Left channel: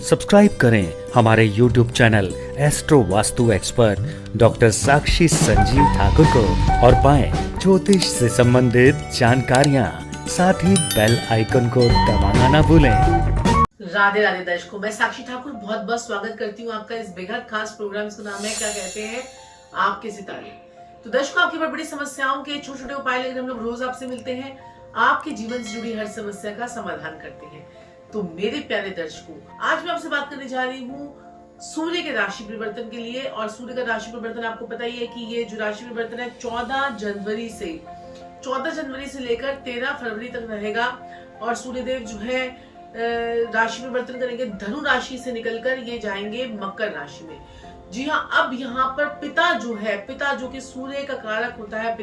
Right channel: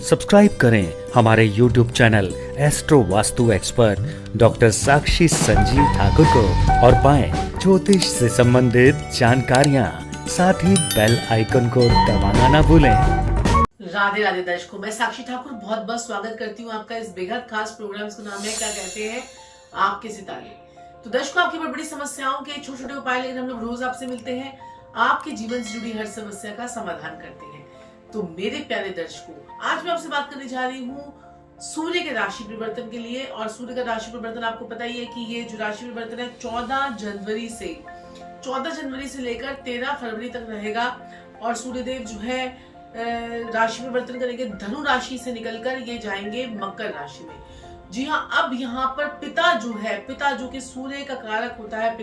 Subscribe करें हमारे YouTube channel astro Vastu expert doctor Sakshi Sanjeev Thakur को और पाएं ज्योतिष से संबंधित जानकारियां। साथ ही बेल आइकन को दबाना ना भूलें। राधे राधे दर्शकों, मैं साक्षी ठाकुर बहुत बहुत स्वागत करती हूँ आपका इस बेहद खास प्रोग्राम का नाम है क्या कहते हैं आपके सितारे। तो दर्शकों, आपकी बड़ी बड़ी समस्याओं के छोटे छोटे उपाय लेकर हम लोग रोज आपसे मिलते हैं, आपके जीवन से जुड़ी हर समस्या का समाधान करते हैं। तो मेरे प्यारे दर्शकों, आज मैं आपसे बात करने जा रही हूँ सूर्य के राशि परिवर्तन के लिए। और सूर्य का राशि परिवर्तन आपको पता ही है कि ये जो राशि परिवर्तन है 14 जनवरी से लेकर 13 फरवरी तक रहेगा। और सूर्यदेव जो है राशि परिवर्तन करेंगे, धनु राशि से निकलकर ये जाएंगे मकर राशि में। जी हाँ, अब यहाँ पर पिता जो कि सूर्य का कारक होता है,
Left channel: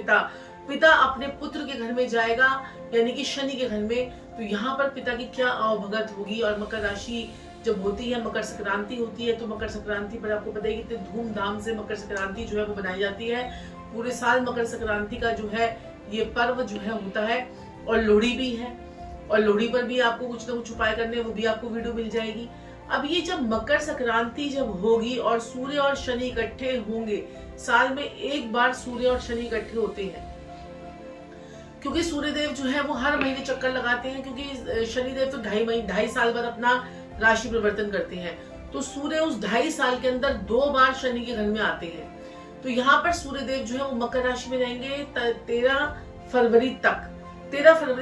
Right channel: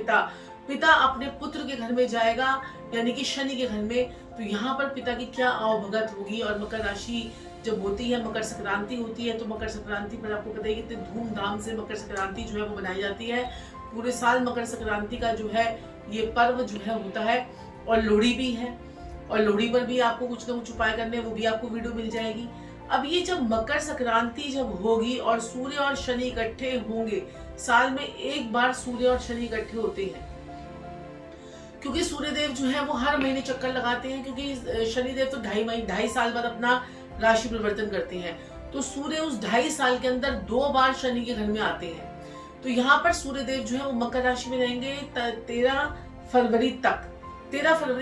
पिता अपने पुत्र के घर में जाएगा, यानी कि शनि के घर में। तो यहाँ पर पिता की क्या आवभगत होगी। और मकर राशि जब होती है, मकर संक्रांति होती है, तो मकर संक्रांति पर आपको पता है कितने धूमधाम से मकर संक्रांति जो है वो बनाई जाती है। पूरे साल मकर संक्रांति का जो है ये पर्व जो है होता है। और लोहड़ी भी है, और लोहड़ी पर भी आपको कुछ ना कुछ उपाय करने, वो भी आपको वीडियो मिल जाएगी। अब ये जब मकर संक्रांति जब होगी और सूर्य और शनि इकट्ठे होंगे, साल में एक बार सूर्य और शनि इकट्ठे होते हैं, क्योंकि सूर्यदेव जो है वो हर महीने चक्कर लगाते हैं, क्योंकि शनिदेव तो 2.5 साल बाद अपना राशि परिवर्तन करते हैं। तो सूर्य उस 2.5 साल के अंदर 2 बार शनि के घर में आते हैं। तो यहाँ पर सूर्यदेव जो है वो मकर राशि में रहेंगे 13 फरवरी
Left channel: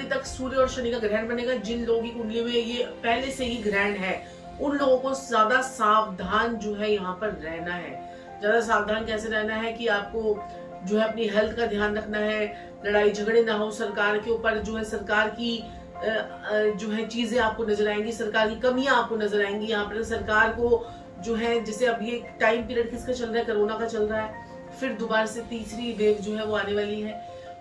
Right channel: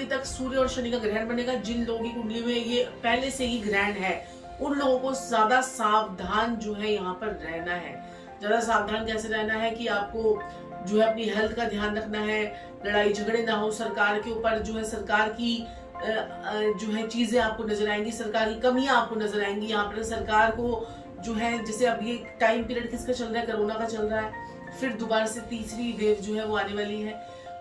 तक सूर्य और शनि का ग्रहण बनेगा। जिन लोगों की कुंडली में ये पहले से ही ग्रहण है, उन लोगों को ज्यादा सावधान जो है यहाँ पर रहना है। ज्यादा सावधान कैसे रहना है कि आपको जो है अपनी हेल्थ का ध्यान रखना है, लड़ाई झगड़े ना हो, सरकार के ऊपर जो है सरकार की जो है चीजें आपको नजर आएंगी, सरकार की कमियां आपको नजर आएंगी। यहाँ पर सरकार को जो है, जैसे अब ये टाइम पीरियड किसका चल रहा है, कोरोना का चल रहा है, फिर दोबारा से तीसरी वेव जो है वो आने वाली है।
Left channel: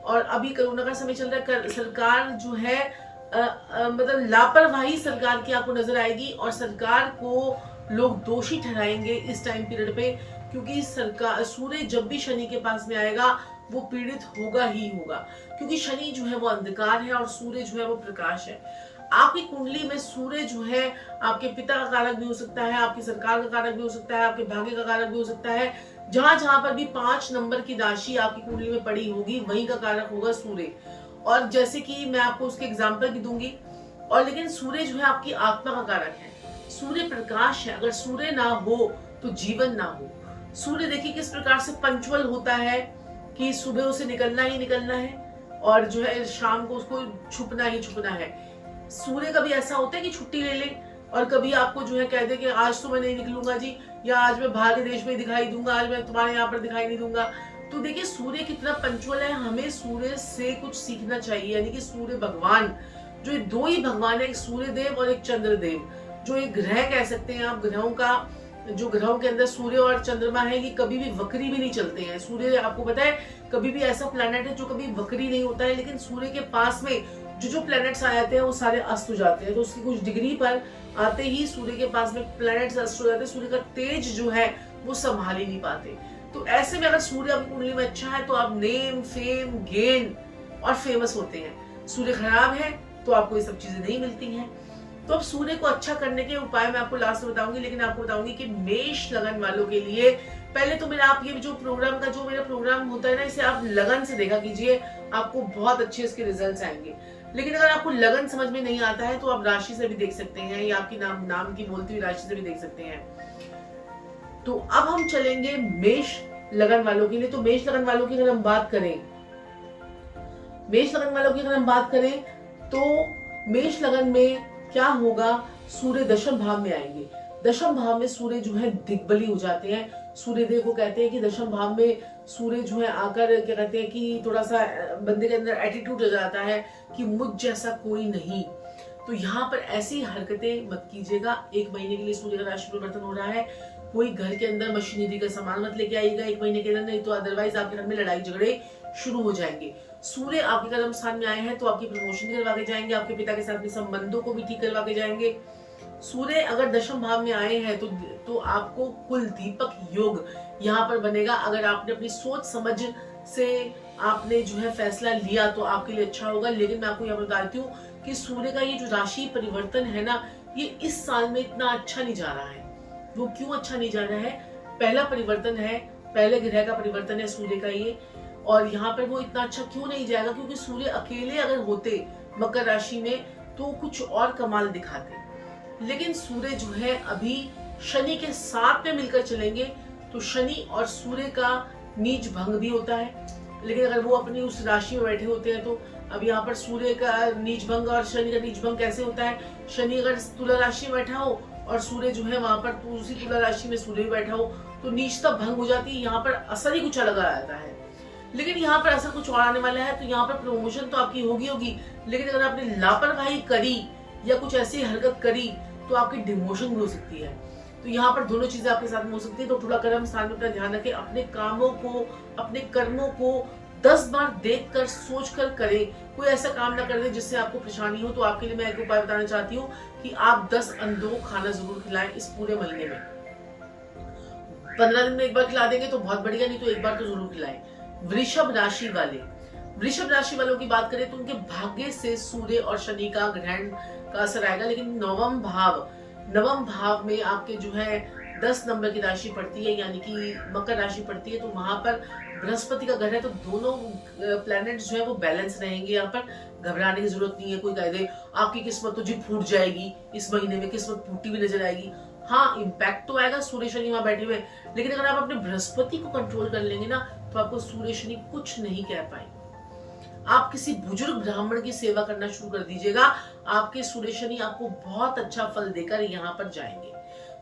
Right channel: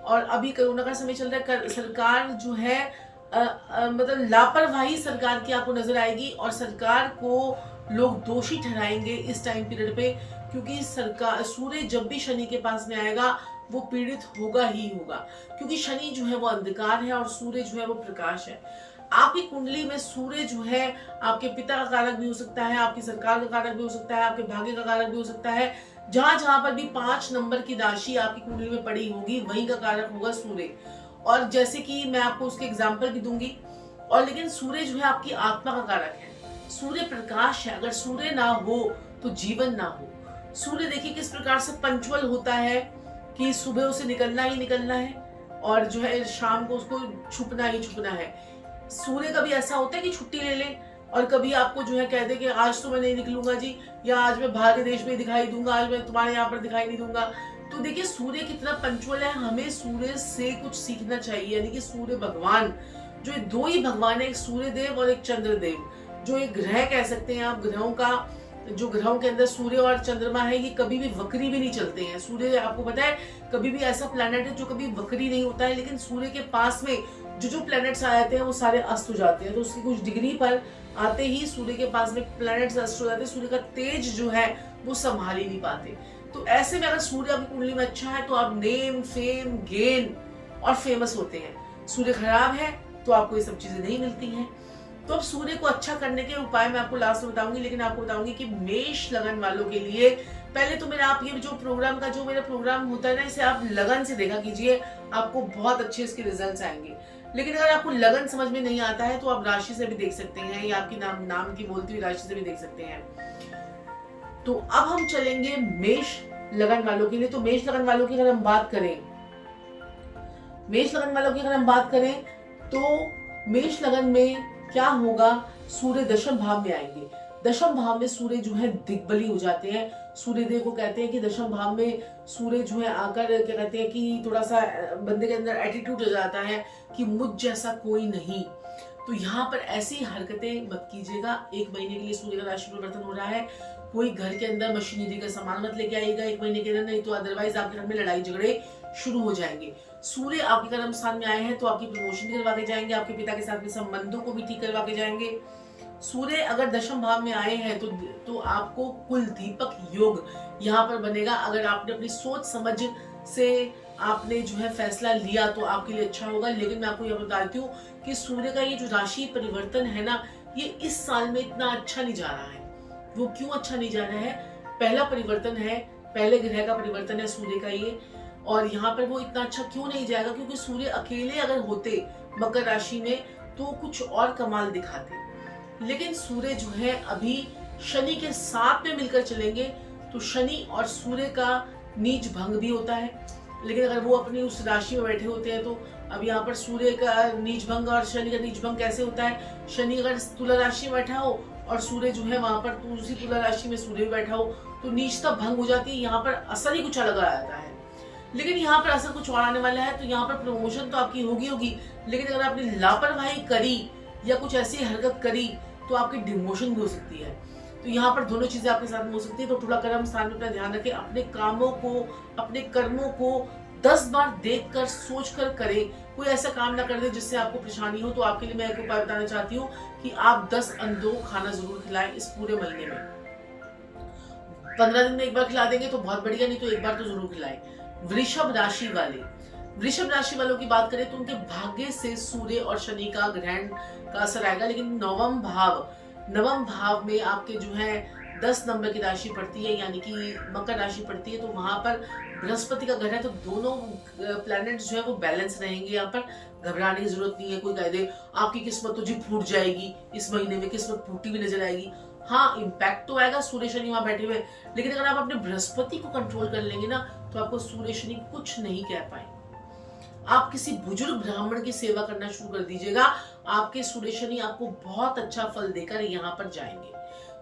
और अभी कोरोना का समय चल रहा है, सरकार जो है मतलब लापरवाही सरकार की आपको नजर आएगी, और सरकार को लोग दोषी ठहराएंगे इस टाइम पीरियड पे, क्योंकि सरकार सूर्य जब भी शनि के पास में आएगा वो पीड़ित होगा ही होगा, क्योंकि शनि जो है वो अंधकार है और सूर्य जो है वो प्रकाश है। आपकी कुंडली में सूर्य जो है आपके पिता का कारक भी हो सकता है, आपकी सरकार का कारक भी हो सकता है, आपके भाग्य का कारक भी हो सकता है। जहां जहां पर भी 5 नंबर की राशि आपकी कुंडली में पड़ी होगी, वहीं का कारक होगा सूर्य। और जैसे कि मैं आपको उसके एग्जाम्पल भी दूंगी। और लेकिन सूर्य जो है आपकी आत्मा का कारक है, सूर्य प्रकाश है। अगर सूर्य ना हो तो जीवन ना हो। सूर्य देखिए किस प्रकार से पंचुअल होता है कि सुबह उसे निकलना ही निकलना है, और जो है शाम को उसको छुपना ही छुपना है। सूर्य कभी ऐसा होता है कि छुट्टी ले ले, और कभी आपको जो है कह दे कि आज तो मैं नहीं निकलूंगा जी, या आज मैं बाहर के देश में दिखाई दूंगा, आज मैं तुम्हारे यहाँ पर दिखाई नहीं दूंगा। तो देखिए सूर्य कितना पंचुअल है, हमें सूर्य से कुछ सीखना चाहिए। यानी कि सूर्य भगवान, जो 2 ही भगवान है, एक सूर्य देव और एक चंद्र देव, जो एक ग्रह कह सकते हैं आप। ग्रहों के अंदर सूर्य और चंद्रमा है, ये कभी भी वक्री भी नहीं चलते हैं। सूर्य आपको पता है कभी भी ऐसा प्लैनेट है जो कभी वक्री नहीं होता है, लेकिन सूर्य के पास में जो प्लैनेट्स आ जाते हैं वो सारे अस्त हो जाते हैं। तो उसकी कुछ डिग्री पर आते ही सूर्य के पास में प्लैनेट्स अस्त हो जाते हैं, सूर्य का तेज जो है वो संभाल ही नहीं पाते। तो ऐसे में अगर सूर्य आपकी कुंडली में अच्छा है तो आप नेम, फेम, गेन और फेमस होते हैं। सूर्य खराब है तो आपको ये सब चीजें नहीं मिलती हैं। तो अब सूर्य को अच्छा करने के उपाय मैं आपको लास्ट में बताऊंगी, लेकिन आपको बताऊंगी कि मेष लगन वालों के लिए पहले तो मेरा आप ये जो मेरा प्रोग्राम होता है ना, इसे आप लगन से देखा कीजिए, आपको बहुत अच्छे इसके रिजल्ट्स आएंगे। लेकिन अगर आपको लगन समझ में नहीं आता है तो आप राशि से भी देख सकते हैं, या आपकी नाम की बोलती हुई राशि से भी देख सकते हैं। तो अब हम चलेंगे मेष लगन वालों के लिए। तो मेष लगन वालों की अगर हम बात करें तो मेष लगन में क्या होगा, सूर्य दशम भाव में आएंगे। दशम भाव में सूर्य जो है दिग्बली हो जाते हैं। सूर्यदेव को कहते हैं कि दशम भाव में सूर्य जो है आकर क्या कहते हैं कि थोड़ा सा बंदे के अंदर एटीट्यूड आ जाता है कि मुझ जैसा कोई नहीं। तो यहाँ पर ऐसी हरकतें मत कीजिएगा। 1 महीने के लिए सूर्य का राशि परिवर्तन हो रहा है, कोई घर के अंदर मशीनरी का सामान मत लेके आइएगा 1 महीने के अंदर, नहीं तो अदरवाइज आपके घर में लड़ाई झगड़े शुरू हो जाएंगे। सूर्य आपके कर्म स्थान में आए हैं तो आपकी प्रमोशन भी करवा के जाएंगे, आपके पिता के साथ में संबंधों को भी ठीक करवा के जाएंगे। सूर्य अगर दशम भाव में आए हैं तो आपको कुल दीपक योग यहाँ पर बनेगा। अगर आपने अपनी सोच समझ से आपने जो है फैसला लिया तो आपके लिए अच्छा होगा। लेकिन मैं आपको यहाँ पर बताती हूँ कि सूर्य का ये जो राशि परिवर्तन है ना, ये इस साल में इतना अच्छा नहीं जा रहा है। वो क्यों अच्छा नहीं जा रहा है? पहला परिवर्तन है, पहले ग्रह का परिवर्तन है सूर्य का ये, और यहाँ पर वो इतना अच्छा क्यों नहीं जाएगा? क्योंकि सूर्य अकेले अगर होते मकर राशि में तो कुछ और कमाल दिखाते, लेकिन सूर्य जो है अभी शनि के साथ में मिलकर चलेंगे, तो शनि और सूर्य का नीच भंग भी होता है। लेकिन अगर वो अपनी उस राशि में बैठे होते हैं तो अब यहाँ पर सूर्य का नीच भंग और शनि का नीच भंग कैसे होता है? शनि अगर तुला राशि में बैठा हो और सूर्य जो है वहां पर उसी तुला राशि में सूर्य भी बैठा हो तो नीचता भंग हो जाती है, यहाँ पर असर ही कुछ अलग आ जाता है। लेकिन यहाँ पर असर कुछ और आने वाला है, तो यहाँ पर प्रमोशन तो आपकी होगी, लेकिन अगर आपने लापरवाही करी या कुछ ऐसी हरकत करी तो आपकी डिमोशन भी हो सकती है। तो यहाँ पर दोनों चीजें आपके साथ में हो सकती है। तो थोड़ा कर्म स्थान में अपना ध्यान रखें, अपने कामों को, अपने कर्मों को 10 बार देख कर सोच कर करें। कोई ऐसा काम ना कर दे जिससे आपको परेशानी हो। तो आपके लिए मैं एक उपाय बताना चाहती हूँ कि आप 10 अंडों को खाना जरूर खिलाएं इस पूरे महीने में। 15 दिन में एक बार खिला देंगे तो बहुत बढ़िया, नहीं तो एक बार तो जरूर खिलाएं। वृषभ राशि वालों की बात करें तो उनके भाग्य से सूर्य और शनि का ग्रहण का असर आएगा, लेकिन नवम भाव में आपके जो है 10 नंबर की राशि पड़ती है, यानी कि मकर राशि पड़ती है, तो वहां पर बृहस्पति का घर है, तो दोनों प्लैनेट्स जो है वो बैलेंस रहेंगे। यहाँ पर घबराने की जरूरत नहीं है। कोई कह दे आपकी किस्मत तो जी फूट जाएगी, इस महीने में किस्मत फूटी भी नजर आएगी, हाँ इम्पैक्ट तो आएगा सूर्य शनि वहां बैठे हुए, लेकिन अगर आप अपने बृहस्पति को कंट्रोल कर लेंगे ना तो आपको सूर्य शनि कुछ नहीं कह पाएंगे। आप किसी बुजुर्ग ब्राह्मण की सेवा करना शुरू कर दीजिएगा, आपके सूर्य शनि आपको बहुत अच्छा फल देकर यहाँ पर जाएंगे।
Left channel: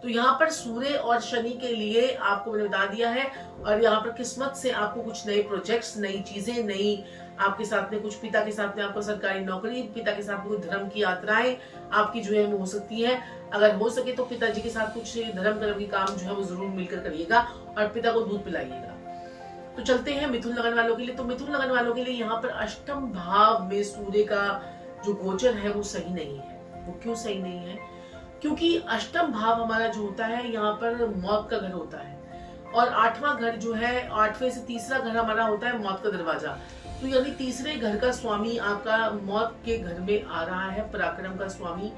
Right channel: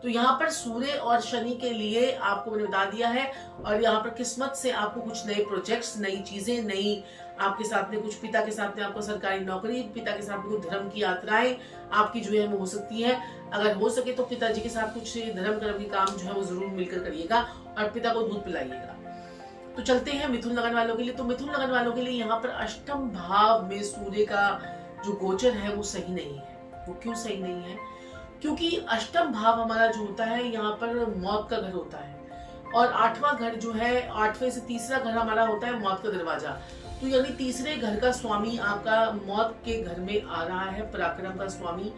तो यहाँ पर सूर्य और शनि के लिए आपको मैंने बता दिया है, और यहाँ पर किस्मत से आपको कुछ नए प्रोजेक्ट्स, नई चीजें, नई आपके साथ में कुछ पिता के साथ में आपको सरकारी नौकरी, पिता के साथ में कुछ धर्म की यात्राएं आपकी जो है वो हो सकती है। अगर हो सके तो पिताजी के साथ कुछ धर्म कर्म के काम जो है वो जरूर मिलकर करिएगा और पिता को दूध पिलाइएगा। तो चलते हैं मिथुन लगन वालों के लिए। तो मिथुन लगन वालों के लिए यहाँ पर अष्टम भाव में सूर्य का जो गोचर है वो सही नहीं है। वो क्यों सही नहीं है? क्योंकि अष्टम भाव हमारा जो होता है यहाँ पर मौत का घर होता है, और 8वां घर जो है, 8वें से तीसरा घर हमारा होता है मौत का दरवाजा। तो यानी तीसरे घर का स्वामी आपका मौत के घर में आ रहा है, पराक्रम का स्वामी।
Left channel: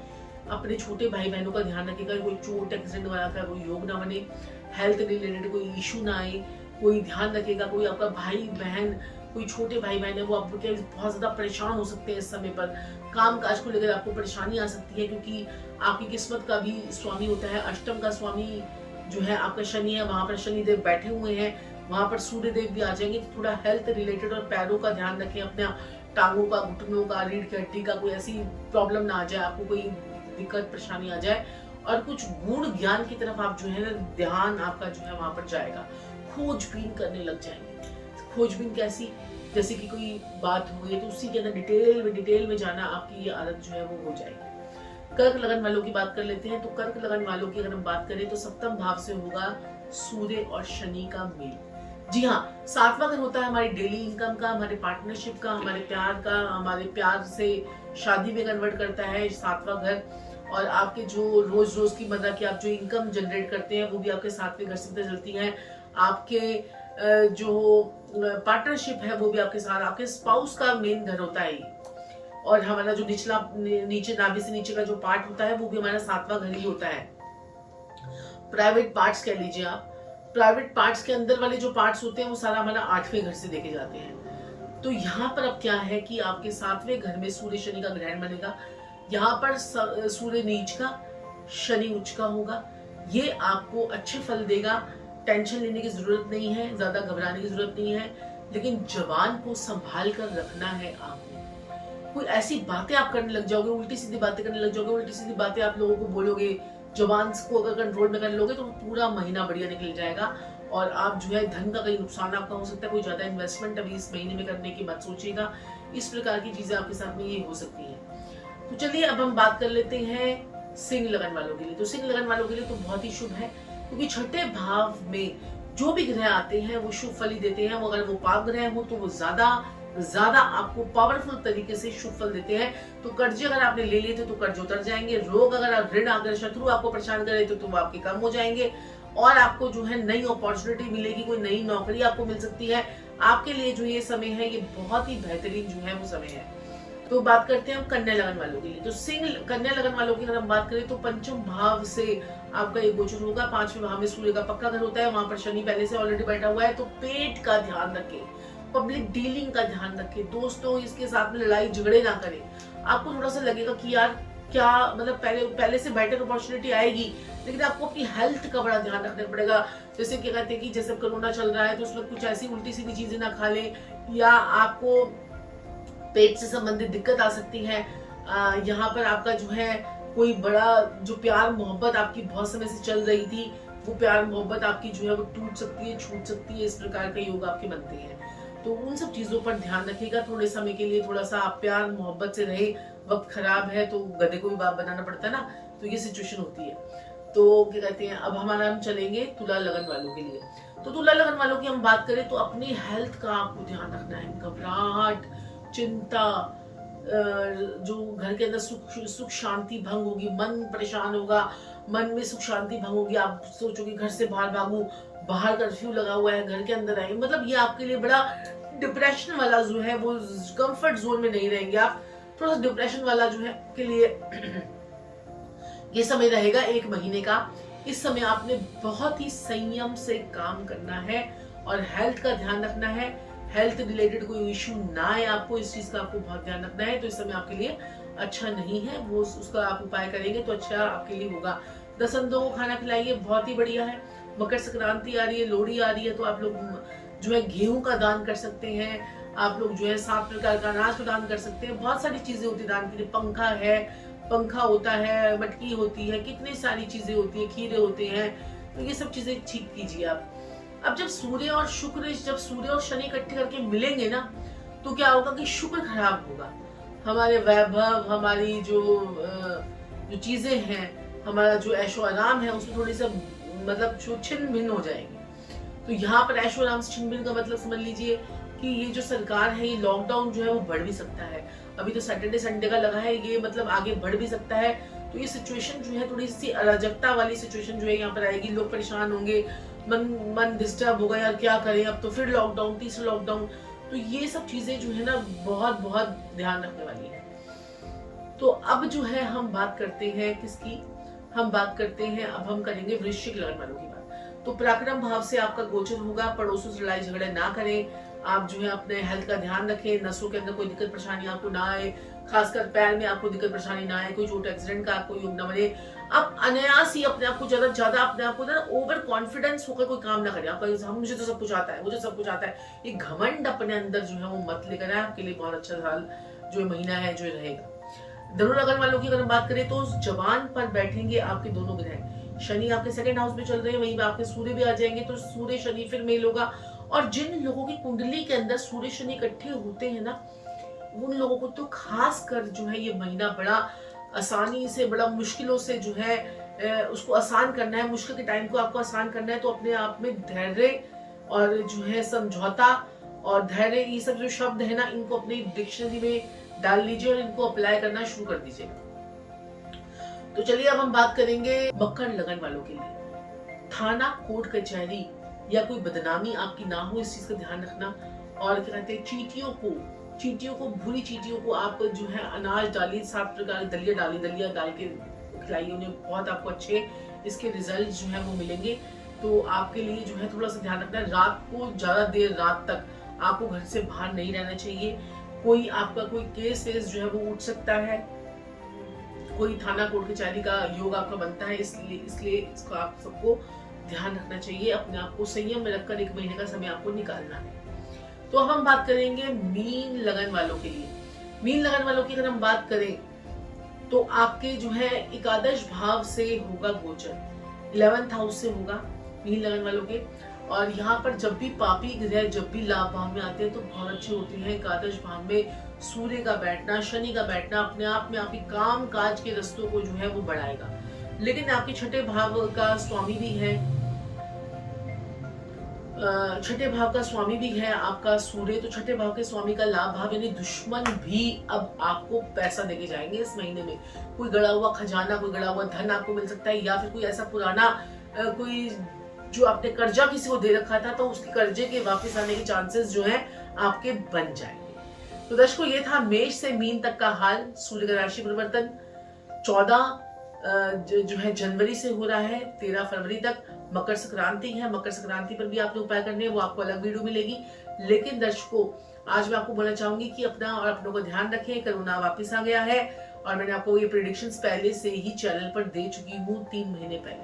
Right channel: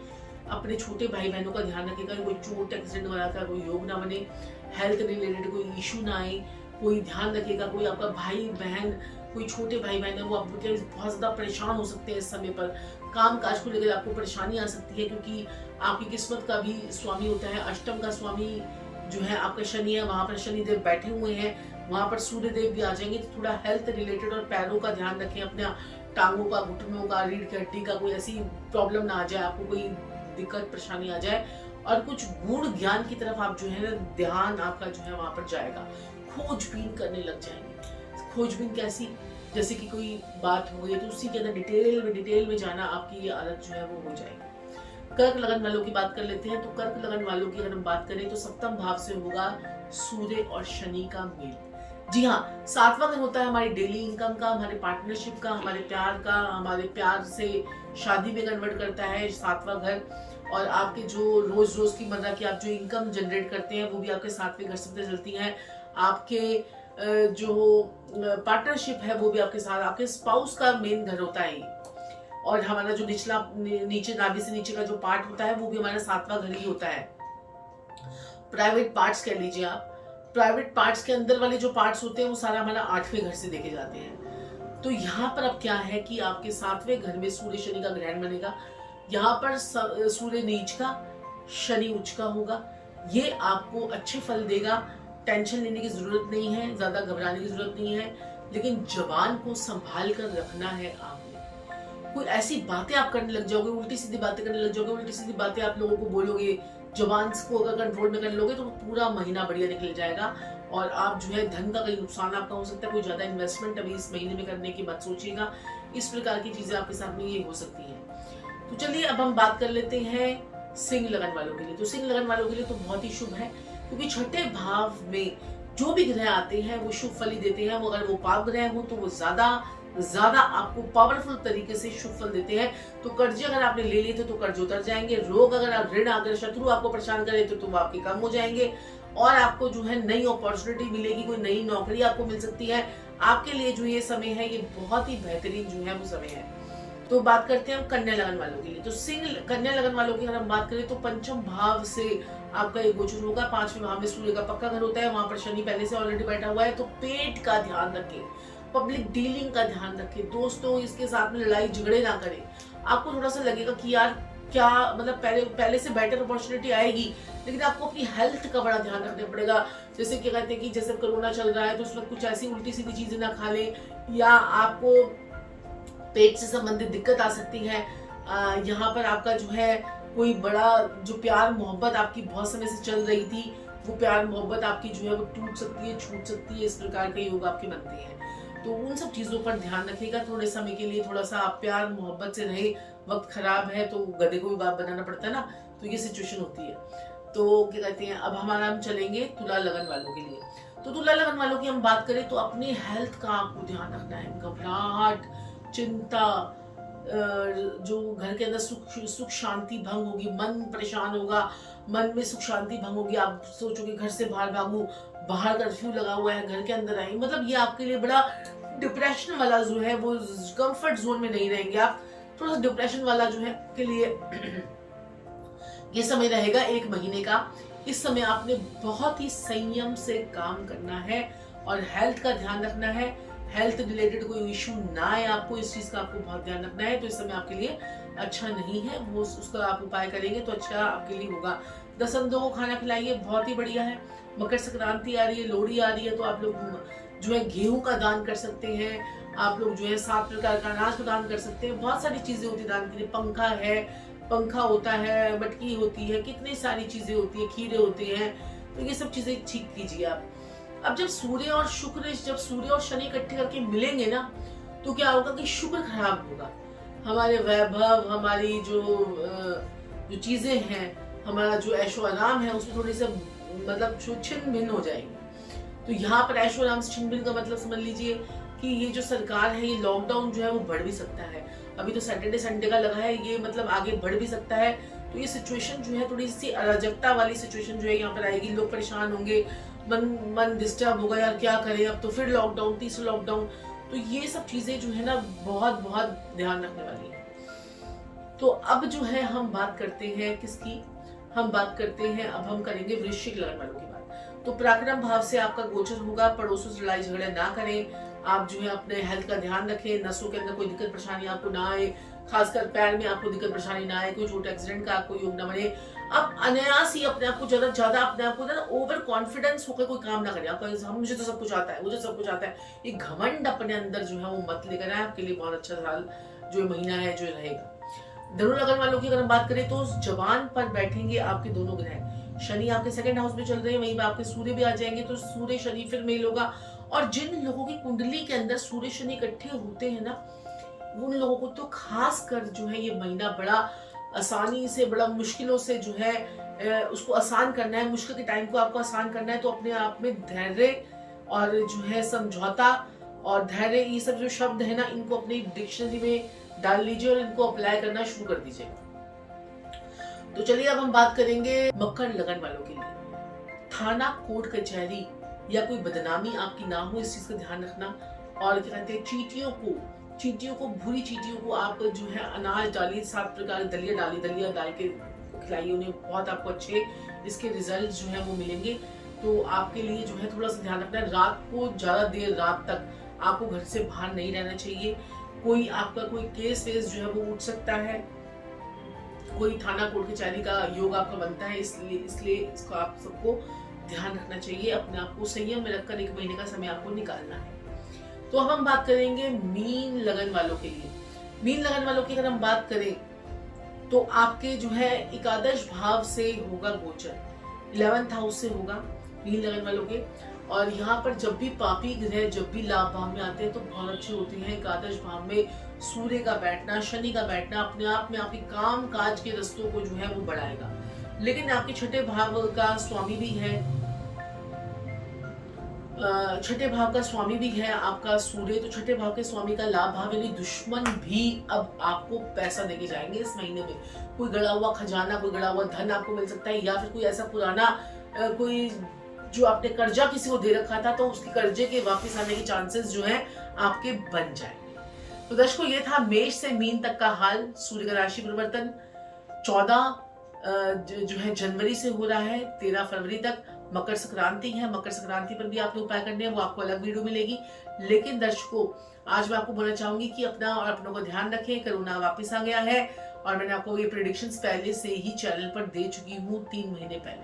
अपने छोटे भाई बहनों का ध्यान रखिएगा, कोई चोट एक्सीडेंट वगैरह का कोई योग ना बने, हेल्थ रिलेटेड कोई इशू ना आए, कोई ध्यान रखिएगा। कोई आपका भाई बहन, कोई छोटे भाई बहन है वो आपके बहुत ज्यादा परेशान हो सकते हैं इस समय पर, काम काज को लेकर आपको परेशानी आ सकती है, क्योंकि आपकी किस्मत का भी स्वामी होता है। अष्टम का स्वामी जो है आपका शनि है, वहां पर शनिदेव बैठे हुए हैं, वहां पर सूर्य देव भी आ जाएंगे। तो थोड़ा हेल्थ रिलेटेड और पैरों का ध्यान रखें, अपने टांगों का, घुटनों का, रीढ़ की हड्डी का कोई ऐसी प्रॉब्लम ना आ जाए, आपको कोई दिक्कत परेशानी आ जाए। और कुछ गुण ज्ञान की तरफ आप जो है ना ध्यान आपका जो है वहां पर जाएगा, खोजबीन करने लग जाएंगे। खोजबीन कैसी? जैसे कि कोई बात हुई तो उसी के अंदर डिटेल में जाना, आपकी ये आदत जो है वो हो जाएगी। कर्क लगन वालों की बात कर लेते हैं। तो कर्क लगन वालों की अगर हम बात करें तो सप्तम भाव से होगा सूर्य और शनि का मेल। जी हाँ, 7वां घर होता है हमारी डेली इनकम का, हमारे पार्टनरशिप का, हमारे प्यार का, हमारे प्यार से शादी में कन्वर्ट करता है 7वां घर। और आपके जो रोज की मर्रा की आप जो इनकम जनरेट करते हैं वो भी आपके 7वें घर से पता चलती है। आपके जो पार्टनरशिप है वो भी आपके साथ, आपके स्पाउस का मेन घर होता है। और हमारा जो नीचे नाभि से नीचे का जो पार्ट होता है वो भी हमारा 7वां घर ही होता है। प्राइवेट पार्ट्स कह लीजिए आप, प्राइवेट पार्ट्स के अंदर वाले जो पार्ट्स होते हैं वो सारा हमारा 8वें घर से देखे जाते हैं। तो यहाँ पर अब क्या है कि आपके 7वें घर में सूर्य शनि का ग्रहण बनेगा। यहाँ पर सूर्य नीच का, शनि उच्च का होगा। ये आपको अच्छे फल देगा, टेंशन लेने की जरूरत नहीं है, ज्यादा घबराने की जरूरत नहीं है, लेकिन जबान को संभाल कर रखना है आपने। कोई ऐसी बातें आप करने लग जाओगे, उल्टी सीधी बातें करने लग जाओगे, उल्टी सीधी बातें आप लोगों को बोलोगे, जबान को अगर कंट्रोल में कर लोगे तो पूरा महीना बढ़िया निकल जाएगा। और आप जो है धन का कहीं नुकसान आपका हो सकता है, कोई ज्यादा इन्वेस्टमेंट अभी इस महीने में करने की मत सोचिएगा। इस प्रकार की चीजें आपके साथ में ये हो सकती है। तो चलिए अब हम बात कर लेते हैं सिंह लगन वालों के लिए। तो सिंह लगन वालों के लिए तो बहुत ही शुभ है, क्योंकि छठे भाव में जो भी ग्रह आते हैं वो शुभ फल ही देते हैं। वो अगर वो पाप ग्रह हो तो वो ज्यादा आपको पावरफुल तरीके से शुभ फल देते हैं। तो कर्जे अगर आपने ले लिए थे तो कर्ज उतर जाएंगे, रोग अगर ऋण अगर शत्रु आपको परेशान कर रहे थे तो वो आपके कम हो जाएंगे, और आपको जो है नई अपॉर्चुनिटी मिलेगी, कोई नई नौकरी आपको मिल सकती है। आपके लिए जो ये समय है ये बहुत ही बेहतरीन जो है वो समय है। तो बात करते हैं हम कन्या लगन वालों के लिए। तो सिंह कन्या लगन वालों की अगर हम बात करें तो पंचम भाव से आपका ये गोचर होगा। 5वें भाव में सूर्य का पक्का घर होता है, वहां पर शनि पहले से ऑलरेडी बैठा हुआ है। तो पेट का ध्यान रखें, पब्लिक डीलिंग का ध्यान रखें, दोस्तों इसके साथ में लड़ाई झगड़े ना करें। आपको थोड़ा सा लगेगा कि यार क्या मतलब पहले से बेटर अपॉर्चुनिटी आएगी, लेकिन आपको अपनी हेल्थ का बड़ा ध्यान रखना पड़ेगा। जैसे क्या कहते हैं कि जैसे कोरोना चल रहा है तो उसमें कुछ ऐसी उल्टी सीधी चीजें ना खा लें, या आपको पेट से संबंधित दिक्कत आ सकती है। यहाँ पर आपका जो है कोई बड़ा जो प्यार मोहब्बत आपकी बहुत समय से चल रही थी, वो प्यार मोहब्बत आपकी जो है वो टूट सकती है, छूट सकती है। इस प्रकार का योग आपके बनते हैं। तो उन सब चीजों पर ध्यान रखिएगा। थोड़े समय के लिए थोड़ा सा आप प्यार मोहब्बत से रहे। वक्त खराब है तो गधे को भी बाप बनाना पड़ता है ना, तो ये सिचुएशन होती है। तो क्या कहते हैं, अब हम चलेंगे तुला लगन वालों के लिए। तो तुला लगन वालों की हम बात करें तो अपनी हेल्थ का आपको ध्यान रखना है। घबराहट, चिंता, जो घर के अंदर सुख शांति भंग होगी, मन परेशान होगा, मन में सुख शांति भंग होगी। आप सोचोगे घर से बाहर भागू, बाहर कर्फ्यू लगा हुआ है, घर के अंदर आए, मतलब ये आपके लिए बड़ा डिप्रेशन वाला जो है वो कंफर्ट जोन में नहीं रहेंगे आप। थोड़ा सा डिप्रेशन वाला जो है के लिए ये समय रहेगा 1 महीने का। इस समय आपने बहुत ही संयम से काम करना है और हेल्थ का ध्यान रखना है। हेल्थ रिलेटेड कोई इशू ना आए आपको, इस चीज का आपको बहुत ध्यान रखना है। तो इस समय आपके लिए अच्छा नहीं है, वो उसका आप उपाय करेंगे तो अच्छा आपके लिए होगा। 10 अंधों को खाना खिलाइए, बहुत ही बढ़िया है। मकर संक्रांति आ रही है, लोहड़ी आ रही है, तो आप लोग जो है गेहूं का दान कर सकते हैं। आप लोग जो है 7 प्रकार का अनाज का दान कर सकते हैं। बहुत सारी चीजें होती है दान के लिए। पंखा होता है, मटकी होती है, कितनी सारी चीजें होती है, खीरे होते हैं। तो ये सब चीजें ठीक कीजिए आप। अब जब सूर्य और शनि इकट्ठे करके मिलेंगे ना, तो क्या होगा कि शुक्र खराब होगा। हमारे वैभव, हमारी जो चीजें हैं, हमारा जो ऐशो आराम है, उसमें थोड़ी सा मतलब छिन्न भिन्न हो जाएगी। तो यहाँ पर ऐशो आराम से छिन्न भिन्न का मतलब समझ लीजिए कि ये जो सरकार है, ये लॉकडाउन जो है वो बढ़ भी सकता है। अभी तो सैटरडे संडे का लगा है, ये मतलब आगे बढ़ भी सकता है। तो ये सिचुएशन जो है थोड़ी सी अराजकता वाली सिचुएशन जो है यहाँ पर आएगी। लोग परेशान होंगे, मन डिस्टर्ब होगा, यार क्या करें, अब तो फिर लॉकडाउन, तीसरा लॉकडाउन। तो ये सब चीजें जो है ना बहुत बहुत ध्यान रखने वाली है। तो अब जो है हम बात करते हैं किसकी, हम बात करते हैं, अब हम करेंगे वृश्चिक लगन वालों की बात। तो पराक्रम भाव से आपका गोचर होगा। पड़ोसों से लड़ाई झगड़े ना करें। आप जो है अपने हेल्थ का ध्यान रखें। नसों के अंदर कोई दिक्कत परेशानी आपको ना आए, खासकर पैर में आपको दिक्कत परेशानी ना आए, कोई चोट एक्सीडेंट का आपको योग न बने। आप अनायास ही अपने आप को ज्यादा अपने आप को ना ओवर कॉन्फिडेंस होकर कोई काम ना करें। आपका मुझे तो सब कुछ आता है, मुझे सब कुछ आता है, ये घमंड अपने अंदर जो है वो मत लेकर आए। आपके लिए बहुत अच्छा साल जो महीना है जो रहेगा। धनु लगन वालों की अगर हम बात करें तो जबान पर बैठेंगे आपके दोनों ग्रह। शनि आपके 2nd हाउस में चल रहे हैं, वहीं पे आपके सूर्य भी आ जाएंगे, तो सूर्य शनि फिर मेल होगा। और जिन लोगों की कुंडली के अंदर सूर्य शनि इकट्ठे होते हैं ना, उन लोगों को तो खास कर जो है ये महीना बड़ा आसानी से, बड़ा मुश्किलों से जो है उसको आसान करना है। मुश्किल के टाइम को आपको आसान करना है। तो अपने आप में धैर्य और जो है समझौता और धैर्य, ये सब जो शब्द है ना, इनको अपनी डिक्शनरी में डाल लीजिए और इनको अप्लाई करना शुरू कर दीजिए। तो चलिए अब हम बात करेंगे मकर लगन वालों के लिए। थाना, कोर्ट कचहरी या कोई बदनामी आपकी ना हो, इस चीज का ध्यान रखना। और क्या कहते हैं, चींटियों को भूरी चींटियों को आप जो है अनाज डालिए, 7 प्रकार दलिया डाल के खिलाइए उन्हें। बहुत आपको अच्छे इसके रिजल्ट जो है वो मिलेंगे। तो आपके लिए जो है थोड़ा सा ध्यान रखना है। रात को ज्यादा देर रात तक आपको घर से बाहर नहीं रहना चाहिए। कोई आपका कोई केस वेस जो है वो उठ सकता है, कोई थाना कोर्ट कचहरी का योग आपका बनता है, इसलिए इसको आप सबको ध्यान रखना चाहिए। अपने आप को संयम में रखकर 1 महीने का समय आपको निकालना है। तो अब हम बात करेंगे मीन लगन वालों के लिए। मीन लगन वालों की अगर हम बात करें तो आपके जो है एकादश भाव से होगा गोचर, 11th हाउस से होगा मीन लगन वालों के। और यहाँ पर जब भी पापी ग्रह जब भी लाभ भाव में आते हैं तो बहुत अच्छे होते हैं। एकादश भाव में सूर्य का बैठना, शनि का बैठना अपने आप में आपके काम काज के रस्तों को जो है वो बढ़ाएगा। लेकिन आपके 6ठे भाव का स्वामी भी है, 6ठे भाव का स्वामी भी है आपका सूर्य। तो 6ठे भाव के स्वामी का लाभ भाव, यानी दुश्मन भी अब आपको पैसा देके जाएंगे इस महीने में। कोई गड़ा हुआ खजाना, कोई गड़ा हुआ धन आपको मिल सकता है, या फिर कोई ऐसा पुराना कोई जो आपने कर्जा किसी को दे रखा था तो उसके कर्जे के वापस आने के चांसेस जो है आपके बन जाएंगे। तो दर्शकों, ये था मेष से मीन तक का हाल। सूर्य का राशि परिवर्तन 14 जो है जनवरी से हो रहा है 13 फरवरी तक। मकर संक्रांति है, मकर संक्रांति पर भी आपने उपाय करने हैं, वो आपको अलग वीडियो मिलेगी। लेकिन दर्शकों, आज मैं आपको बोलना चाहूंगी कि अपना और अपनों का ध्यान रखें। कोरोना वापस आ गया है और मैंने आपको ये प्रेडिक्शंस पहले से ही चैनल पर दे चुकी हूँ 3 महीने पहले।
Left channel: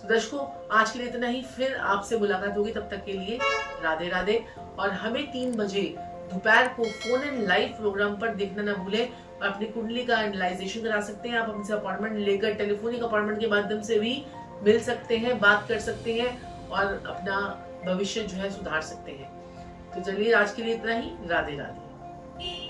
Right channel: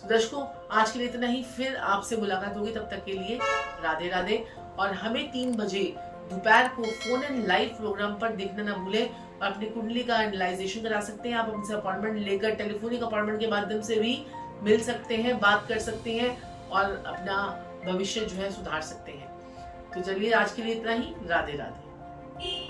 तो दर्शकों, आज के लिए इतना ही। फिर आपसे मुलाकात होगी, तब तक के लिए राधे राधे। और हमें 3 बजे दोपहर को फोन इन लाइव प्रोग्राम पर देखना ना भूलें। और अपनी कुंडली का एनालाइजेशन करा सकते हैं आप, हमसे अपॉइंटमेंट लेकर टेलीफोनिक अपॉइंटमेंट के माध्यम से भी मिल सकते हैं, बात कर सकते हैं और अपना भविष्य जो है सुधार सकते हैं। तो चलिए, आज के लिए इतना ही। राधे राधे।